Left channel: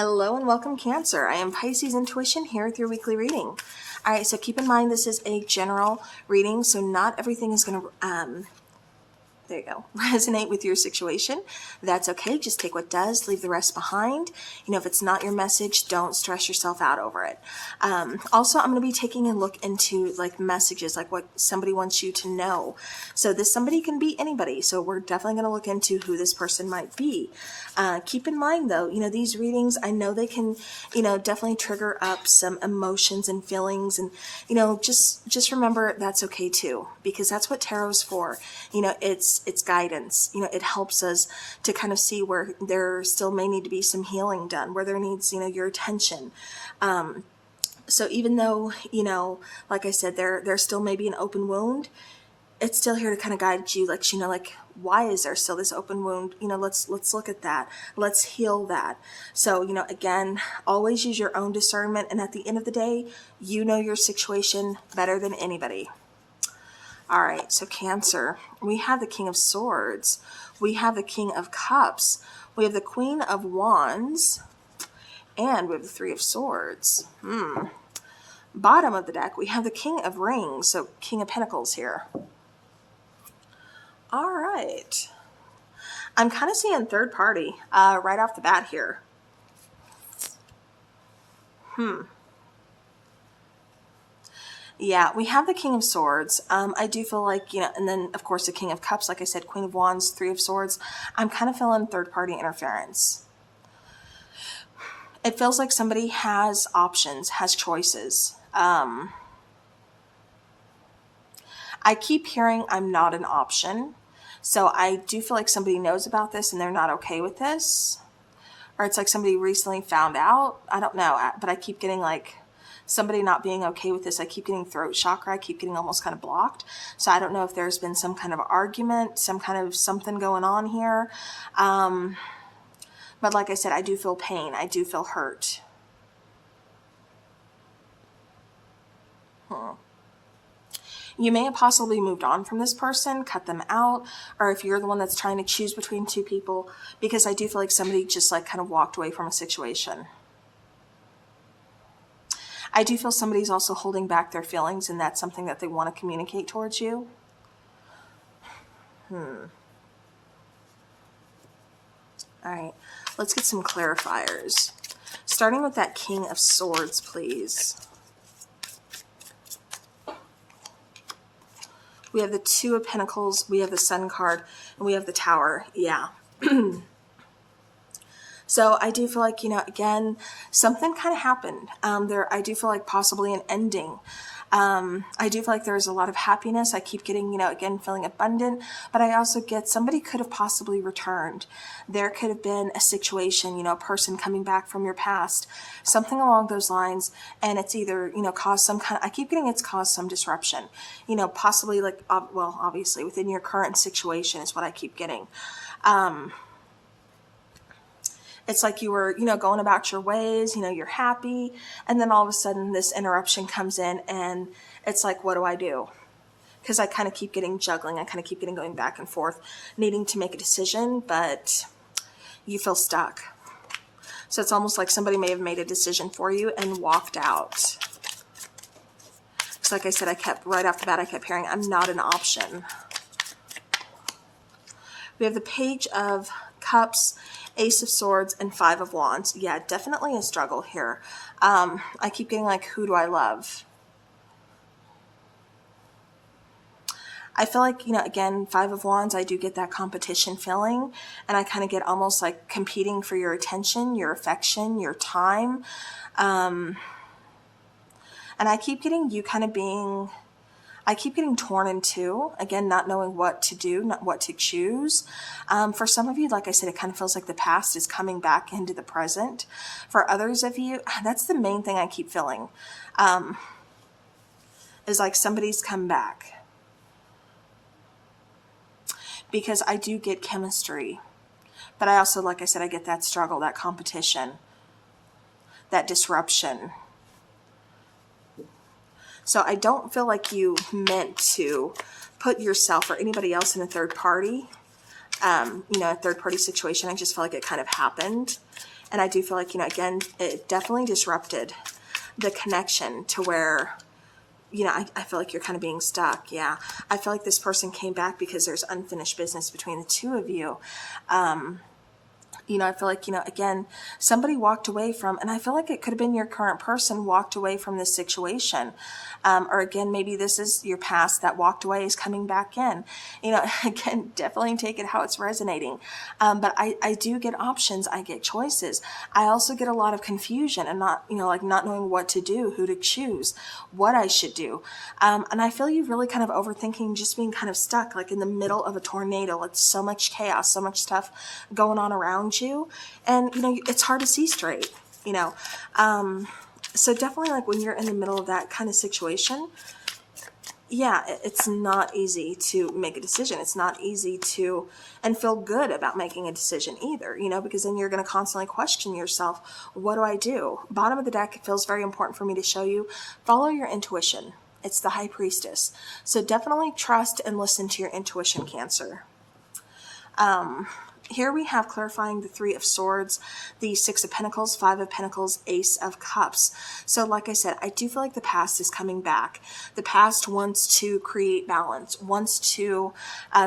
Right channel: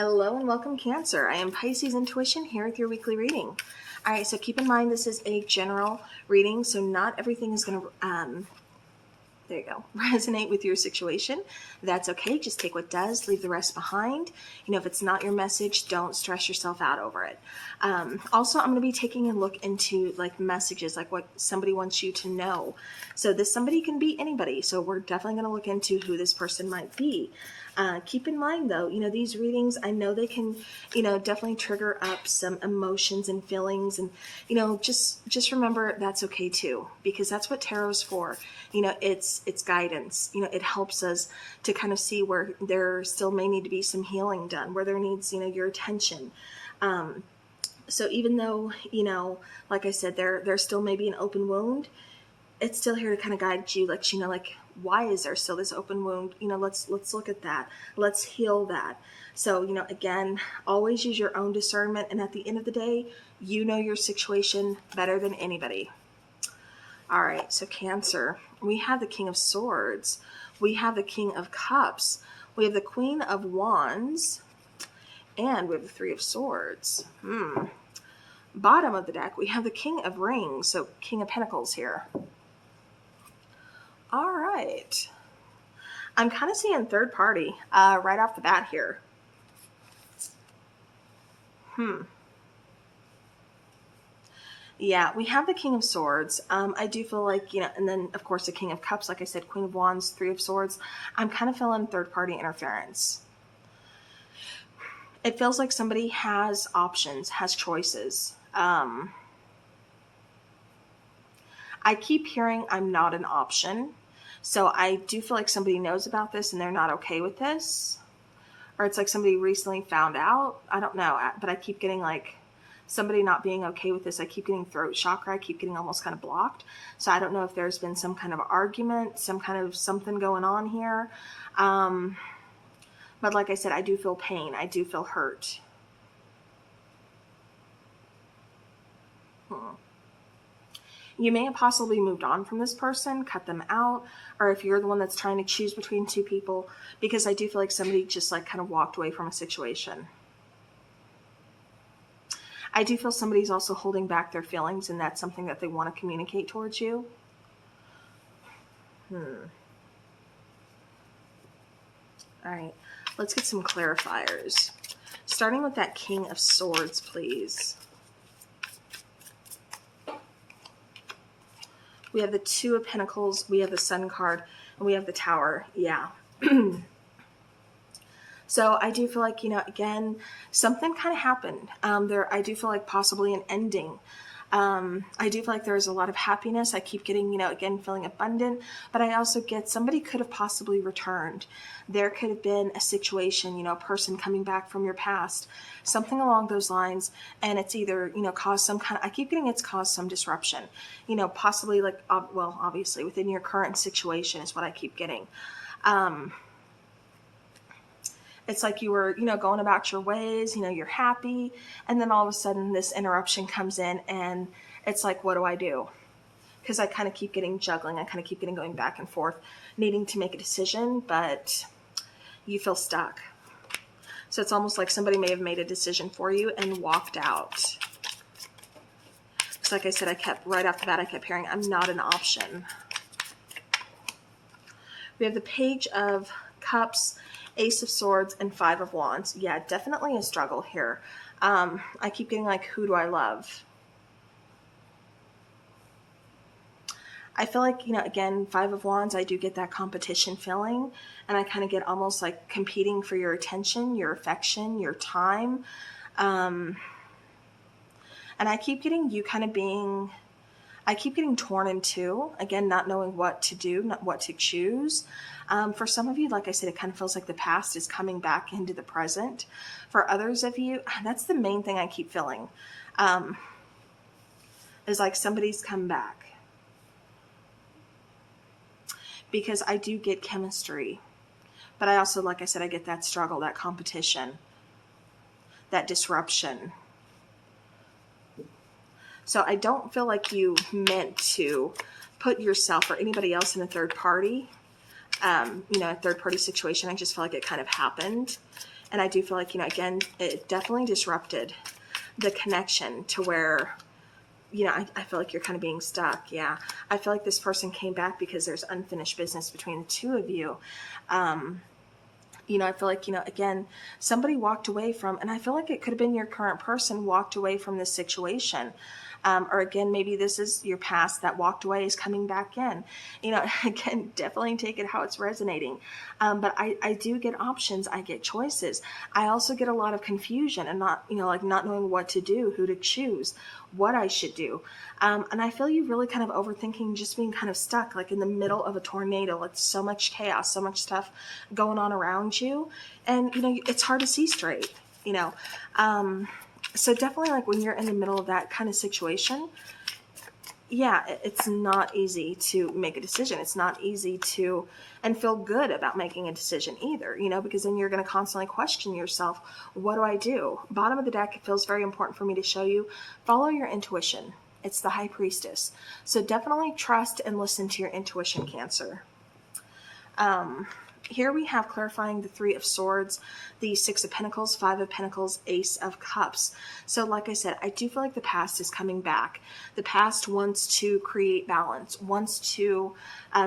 Hello and welcome, Cancer. I am Pisces Intuition here with your weekly reading. All right, so keep in mind this is a general reading, so not everything is going to there you go, resonate with your situation. That's okay. Just take what does, leave the rest behind. You know, if it's not your message, don't stress yourself out over it. Also, I'm going to be taking a look into like messages, like what somebody wants you to know. So this somebody can be anybody. So we're definitely going to look into who this person might be. Keep in mind though, you know, these readings, I know they can, you know, definitely trigger up some emotions and feelings, and, you know, just remember that's okay too, because that's what tarot's for. You know, it's guidance. You know, it helps us to kind of see where there still may need to be some healing done, where there needs, you know, your attention. So even though, you know, like I said, there still may be an open wound, it's still here to kind of guide you, let you know, like, why is there still this open wound? You know, let's look at that. Let's heal that. So, you know, again, always use your own discernment. And at the end of the day, you know your situation better than anybody. All right, so Cancer, we have the King of Swords. We have the King of Cups. We have the Queen of Wands. And we have the Three of Swords. Bottom of the deck, we have the King of Rings. So King of Pentacles here. All right. I'm kind of seeing third party right off the bat here. Yeah, we have the King of Swords. I do feel like, you know, and then of course the King of Cups, like I said, Queen of Wands, Three of Swords. I'm kind of feeling third party interference. It feels like somebody has options, has choices. I keep hearing I'm not an option. So I do feel like somebody knows about this and they're not okay with this. Or it's like somebody recently found out. I don't know, but I keep getting like somebody not being okay with this. I keep getting throat chakra. I keep getting almost kind of blocked. So I don't know if there's been some kind of argument, some kind of something going on here. But like I said, I do feel pain. I do feel hurt. You may have possibly moved on from this person, cut them out, or if you're the one that's trying to choose between two people, because I do feel like somebody just like kind of walked away from a situation. I do feel somebody's also holding back their feelings, and that's something that they want to communicate towards you. All right, let's get some clarifiers. Starting with that King of Swords, please. We have the Two of Pentacles, we have the Sun card, and we have the Tower. Yeah. So I do feel like, you know, again, something kind of happened. I do feel like possibly an ending. I do feel like there's a lot of happiness. I keep getting, you know, again, feeling abundant, but I also get somebody could have possibly returned. There could have been a situation, you know, a person coming back from your past, something along those lines. And it's either, you know, caused some kind of, I keep getting it's caused some disruption, you know, possibly like, well, obviously within your current situation is what I keep getting. It's like you were, you know, going about your ways, you know, you're happy. And then all of a sudden this interruption comes in and it's like, what do I do? Because I kind of keep getting juggling. I kind of keep getting going back and forth, needing to make a decision, but you feel stuck. So it's almost like somebody may have made a decision for you and walked out. So like I said, right off the bat, I kept hearing, I'm not an option. We have the Page of Cups, Ace of Swords, and Five of Wands. Yeah, definitely a struggle here. I keep getting like, who do I love? I feel like, you know, again, Five of Wands, I do get that competition feeling, and I kind of get almost like competing for your attention, your affection, your time. And I keep getting you kind of being, I keep getting torn in two, again, not knowing what to do, not what to choose. For some of you, like I said, it kind of feels like the past is coming back into the present. For others of you, that's the main thing I keep feeling, is like somebody's come back. Because I do get chemistry, but I also, like I said, I get that struggle, that competition, that disruption. So I don't feel like you meant to put yourself or anybody else in a third party, you know, a third party situation. I just feel like it kind of happened. And I do feel like, again, it definitely disrupted the connection to where, I feel like you're kind of being stuck. Yeah. I feel like this person came back because there's unfinished business between the two of you. I feel like, again, somebody walked away from, and I feel like it could have been your current person walked away from this situation. Or again, maybe this is your past that walked away is coming back in. Again, definitely take it how it's resonating. But I do get options. I get choices. I also get a lot of confusion and not, like not knowing what to do, who to choose, what I should do. And I feel you really kind of overthinking, just being kind of stuck, like in the middle of a tornado, like so much chaos, so much stuff going on around you. And, it's hard to see straight, so definitely like when you're in the middle of that kind of situation, yeah, it's not easy to make a decision. It's not easy to, and feel good about making a decision either, because then you're going to constantly question yourself. What do I do? Bottom of the deck, it feels very important for me to show you, follow your intuition. It's the High Priestess. So definitely trust and listen to your intuition, Cancer. Here we have clarifying the Three of Swords, the Six of Pentacles, Five of Pentacles, Ace of Cups. So like I said, I do feel like the past is coming back. The past wants to create balance, wants to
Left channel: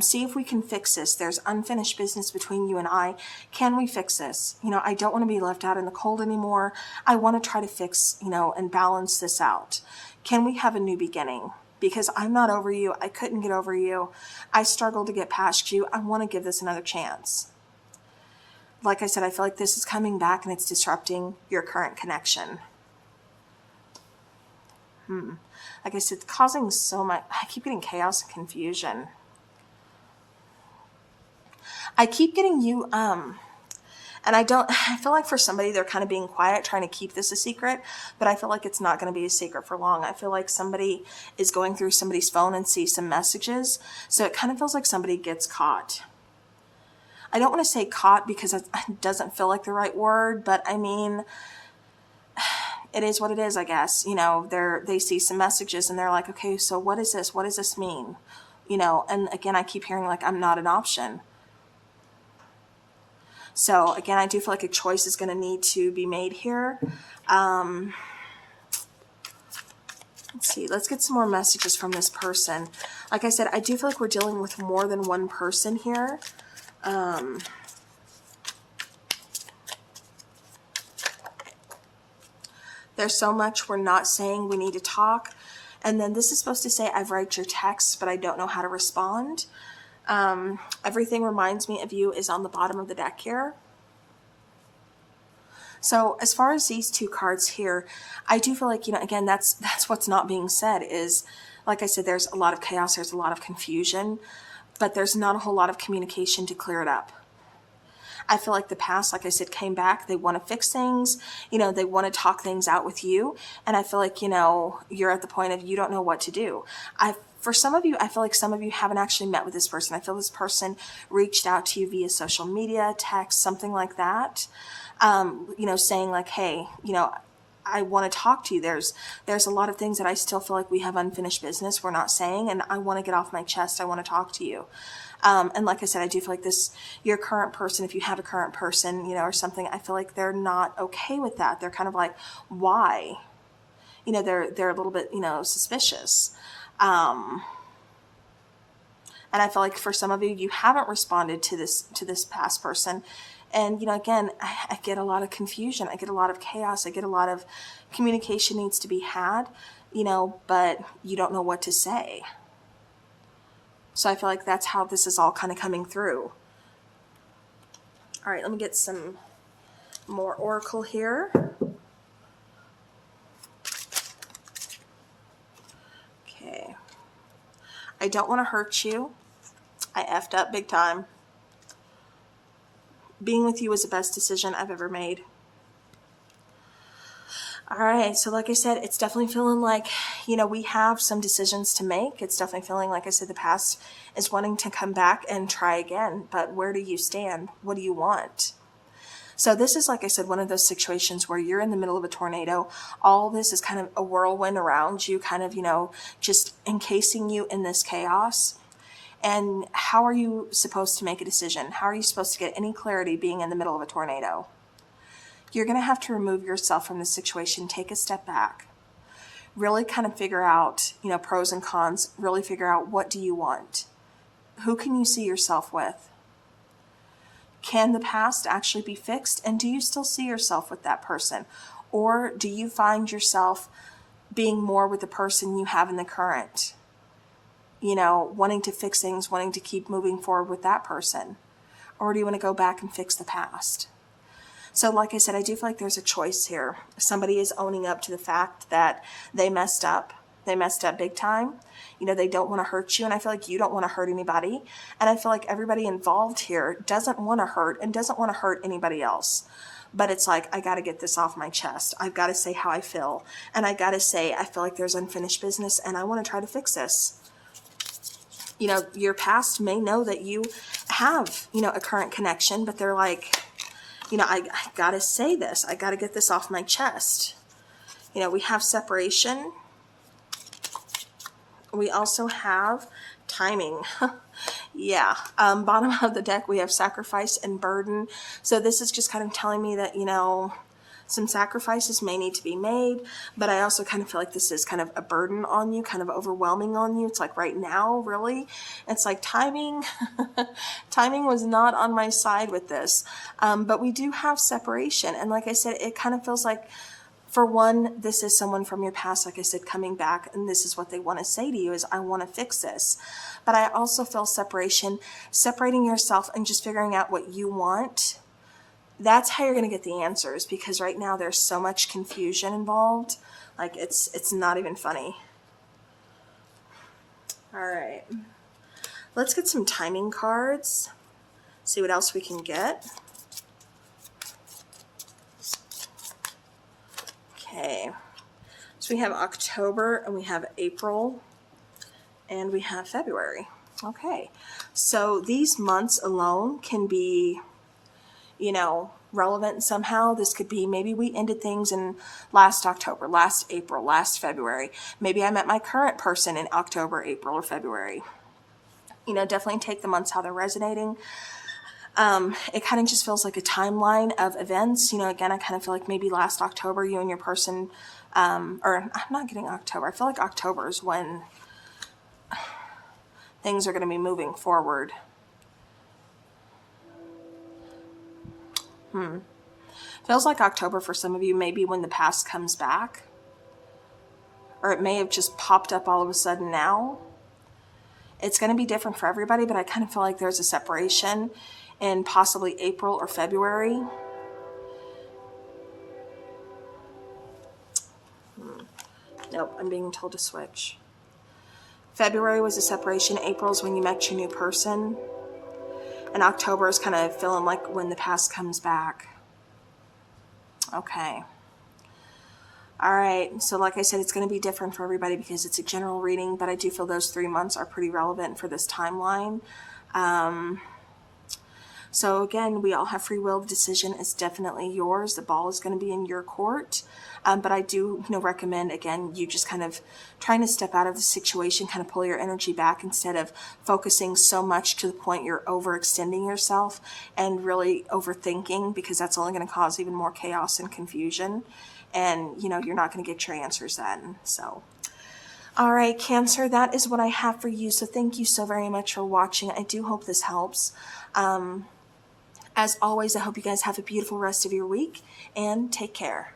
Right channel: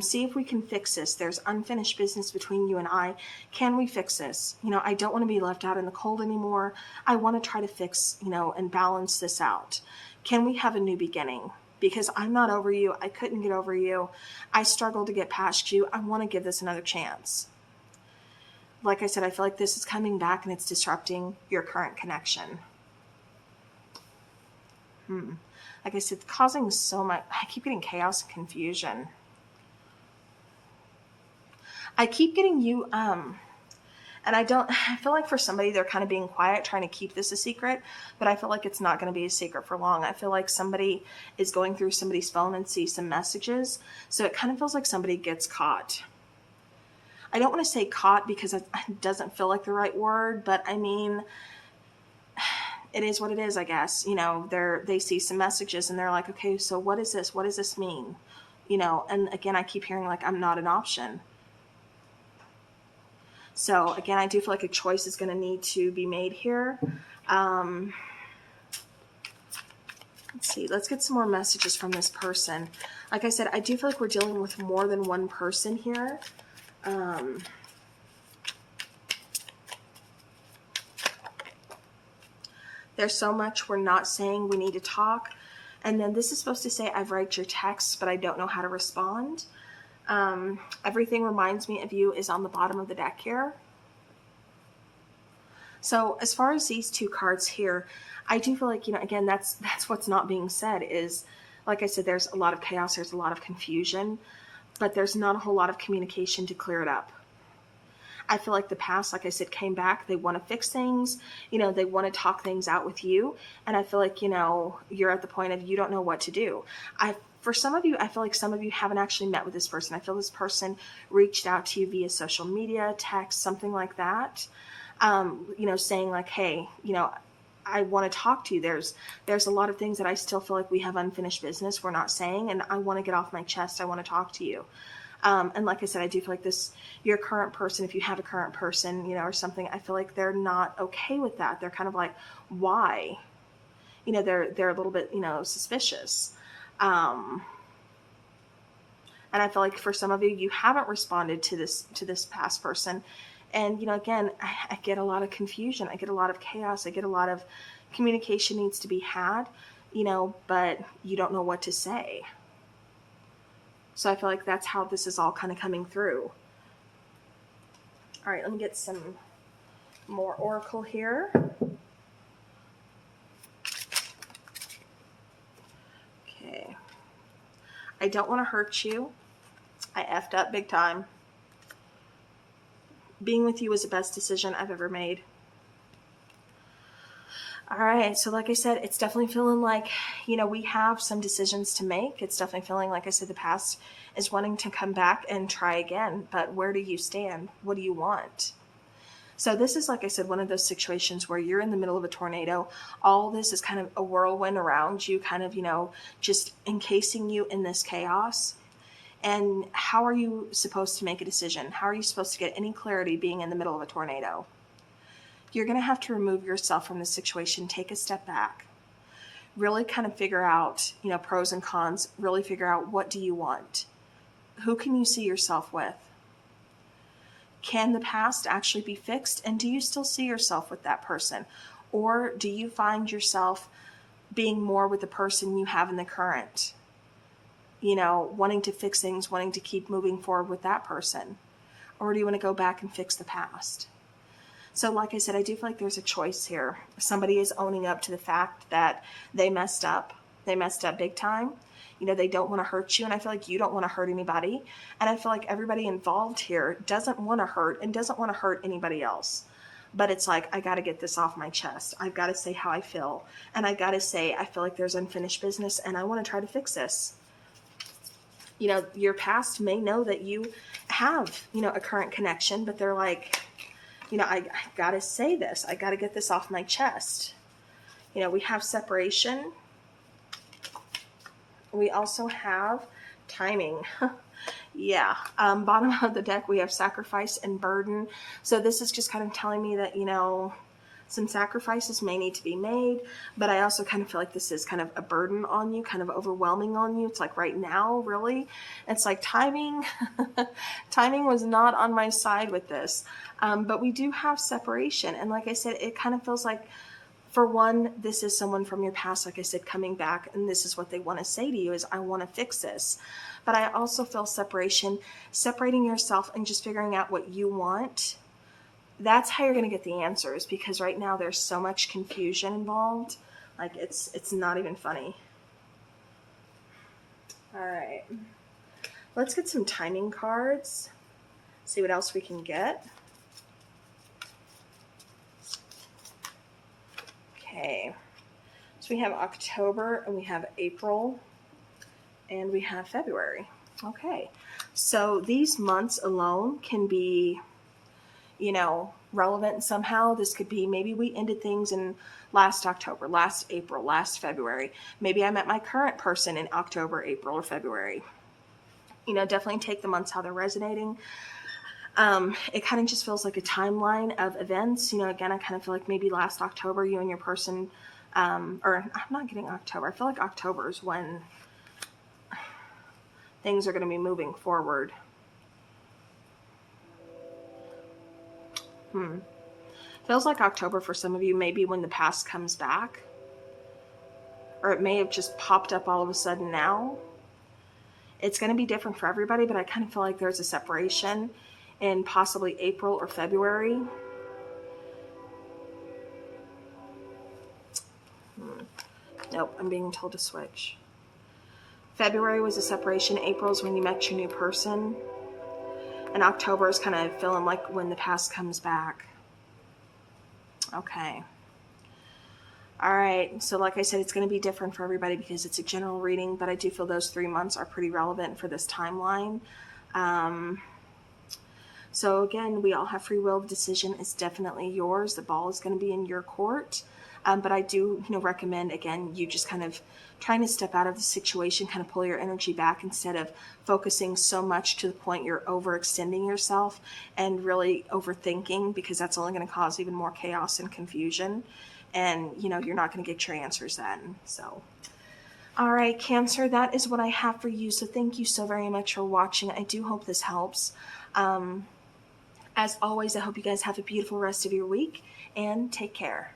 see if we can fix this. There's unfinished business between you and I. Can we fix this? I don't want to be left out in the cold anymore. I want to try to fix, and balance this out. Can we have a new beginning? Because I'm not over you. I couldn't get over you. I struggled to get past you. I want to give this another chance. Like I said, I feel like this is coming back and it's disrupting your current connection. Like I said, causing so much. I keep getting chaos and confusion. I keep getting you, and I feel like for somebody, they're kind of being quiet, trying to keep this a secret, but I feel like it's not going to be a secret for long. I feel like somebody is going through somebody's phone and sees some messages. So it kind of feels like somebody gets caught. I don't want to say caught because it doesn't feel like the right word, but I mean, it is what it is, I guess. They see some messages and they're like, okay, so what is this? What does this mean? And again, I keep hearing like, I'm not an option. So again, I do feel like a choice is going to need to be made here. Let's see. Let's get some more messages from this person. Like I said, I do feel like we're dealing with more than one person here. There's so much we're not saying. We need to talk. And then this is supposed to say, I've read your text, but I don't know how to respond. Everything reminds me of you is on the bottom of the deck here. So as far as these two cards here, I do feel like, again, that's what's not being said is, like I said, there's a lot of chaos, there's a lot of confusion, but there's not a whole lot of communication to clear it up. I feel like the past, like I said, came back. They want to fix things. They want to talk things out with you. And I feel like, you're at the point of you don't know what to do. For some of you, I feel like some of you haven't actually met with this person. I feel this person reached out to you via social media, text, something like that. Saying like, hey, I want to talk to you. There's a lot of things that I still feel like we have unfinished business we're not saying, and I want to get off my chest. I want to talk to you. And like I said, I do feel like your current person, if you have a current person, or something, I feel like they're not okay with that. They're kind of like, why? They're a little bit, suspicious. And I feel like for some of you, you haven't responded to this past person. And, again, I get a lot of confusion. I get a lot of chaos. I get a lot of communication needs to be had, but you don't know what to say. So I feel like that's how this is all kind of coming through. All right, let me get some more oracle here. Okay. I don't want to hurt you. I effed up big time. Being with you was the best decision I've ever made. All right, so like I said, it's definitely feeling like, we have some decisions to make. It's definitely feeling, like I said, the past is wanting to come back and try again. But where do you stand? What do you want? So this is, like I said, one of those situations where you're in the middle of a tornado. All this is kind of a whirlwind around you, kind of, just encasing you in this chaos. And how are you supposed to make a decision? How are you supposed to get any clarity being in the middle of a tornado? you're going to have to remove yourself from the situation, take a step back, really kind of figure out, pros and cons, really figure out what do you want? Who can you see yourself with? Can the past actually be fixed? And do you still see yourself with that person? Or do you find yourself being more with the person you have in the current? Wanting to fix things, wanting to keep moving forward with that person? Or do you want to go back and fix the past? So like I said, I do feel like there's a choice here. Somebody is owning up to the fact that they messed up. They messed up big time. They don't want to hurt you, and I feel like you don't want to hurt anybody. And I feel like everybody involved here doesn't want to hurt and doesn't want to hurt anybody else. But it's like, I got to get this off my chest. I've got to say how I feel. And I got to say, I feel like there's unfinished business, and I want to try to fix this. Your past may know that you have, a current connection, but they're like, I got to say this. I got to get this off my chest. We have separation. We also have timing. Yeah. Bottom of the deck, we have sacrifice and burden. So this is just kind of telling me that, some sacrifices may need to be made, but I also kind of feel like this is kind of a burden on you, kind of overwhelming on you. It's like right now, really. It's like timing. Timing was not on my side with this. But we do have separation. And like I said, it kind of feels like, for one, this is someone from your past, like I said, coming back, and this is what they want to say to you is, I want to fix this. But I also feel separation, separating yourself and just figuring out what you want. That's how you're going to get the answers, because right now there's so much confusion involved. Like it's not even funny. All right. Let's get some timing cards. See what else we can get. Okay, so we have October, and we have April, and we have February. Okay, so these months alone can be, relevant somehow. This could be, maybe we ended things in last October, last April, last February. Maybe I met my current person in October, April, or February. Definitely take the months how they're resonating. It kind of just feels like a timeline of events. Again, I kind of feel like maybe last October, you and your person, or I'm not getting October. I feel like October is when things are going to be moving forward. Feels like October for some of you, maybe when the past comes back. Or it may have just popped up all of a sudden now. It's going to be different for everybody, but I kind of feel like there's a separation in possibly April or February. Nope, I'm being told to switch. February was a separation. April is when you met your new person. And October is kind of feeling like when the past comes back. Okay. All right. So like I said, it's going to be different for everybody because it's a general reading, but I do feel those 3 months are pretty relevant for this timeline. So again, we all have free will. The decision is definitely yours. The ball is going to be in your court. But I do, recommend, again, you just kind of trying to step out of the situation, kind of pull your energy back instead of focusing so much to the point you're overextending yourself and really overthinking, because that's only going to cause even more chaos and confusion. And, you're not going to get your answers then. So, all right, Cancer, that is what I have for you. So thank you so very much for watching. I do hope this helps. As always, I hope you guys have a beautiful rest of your week, and take care.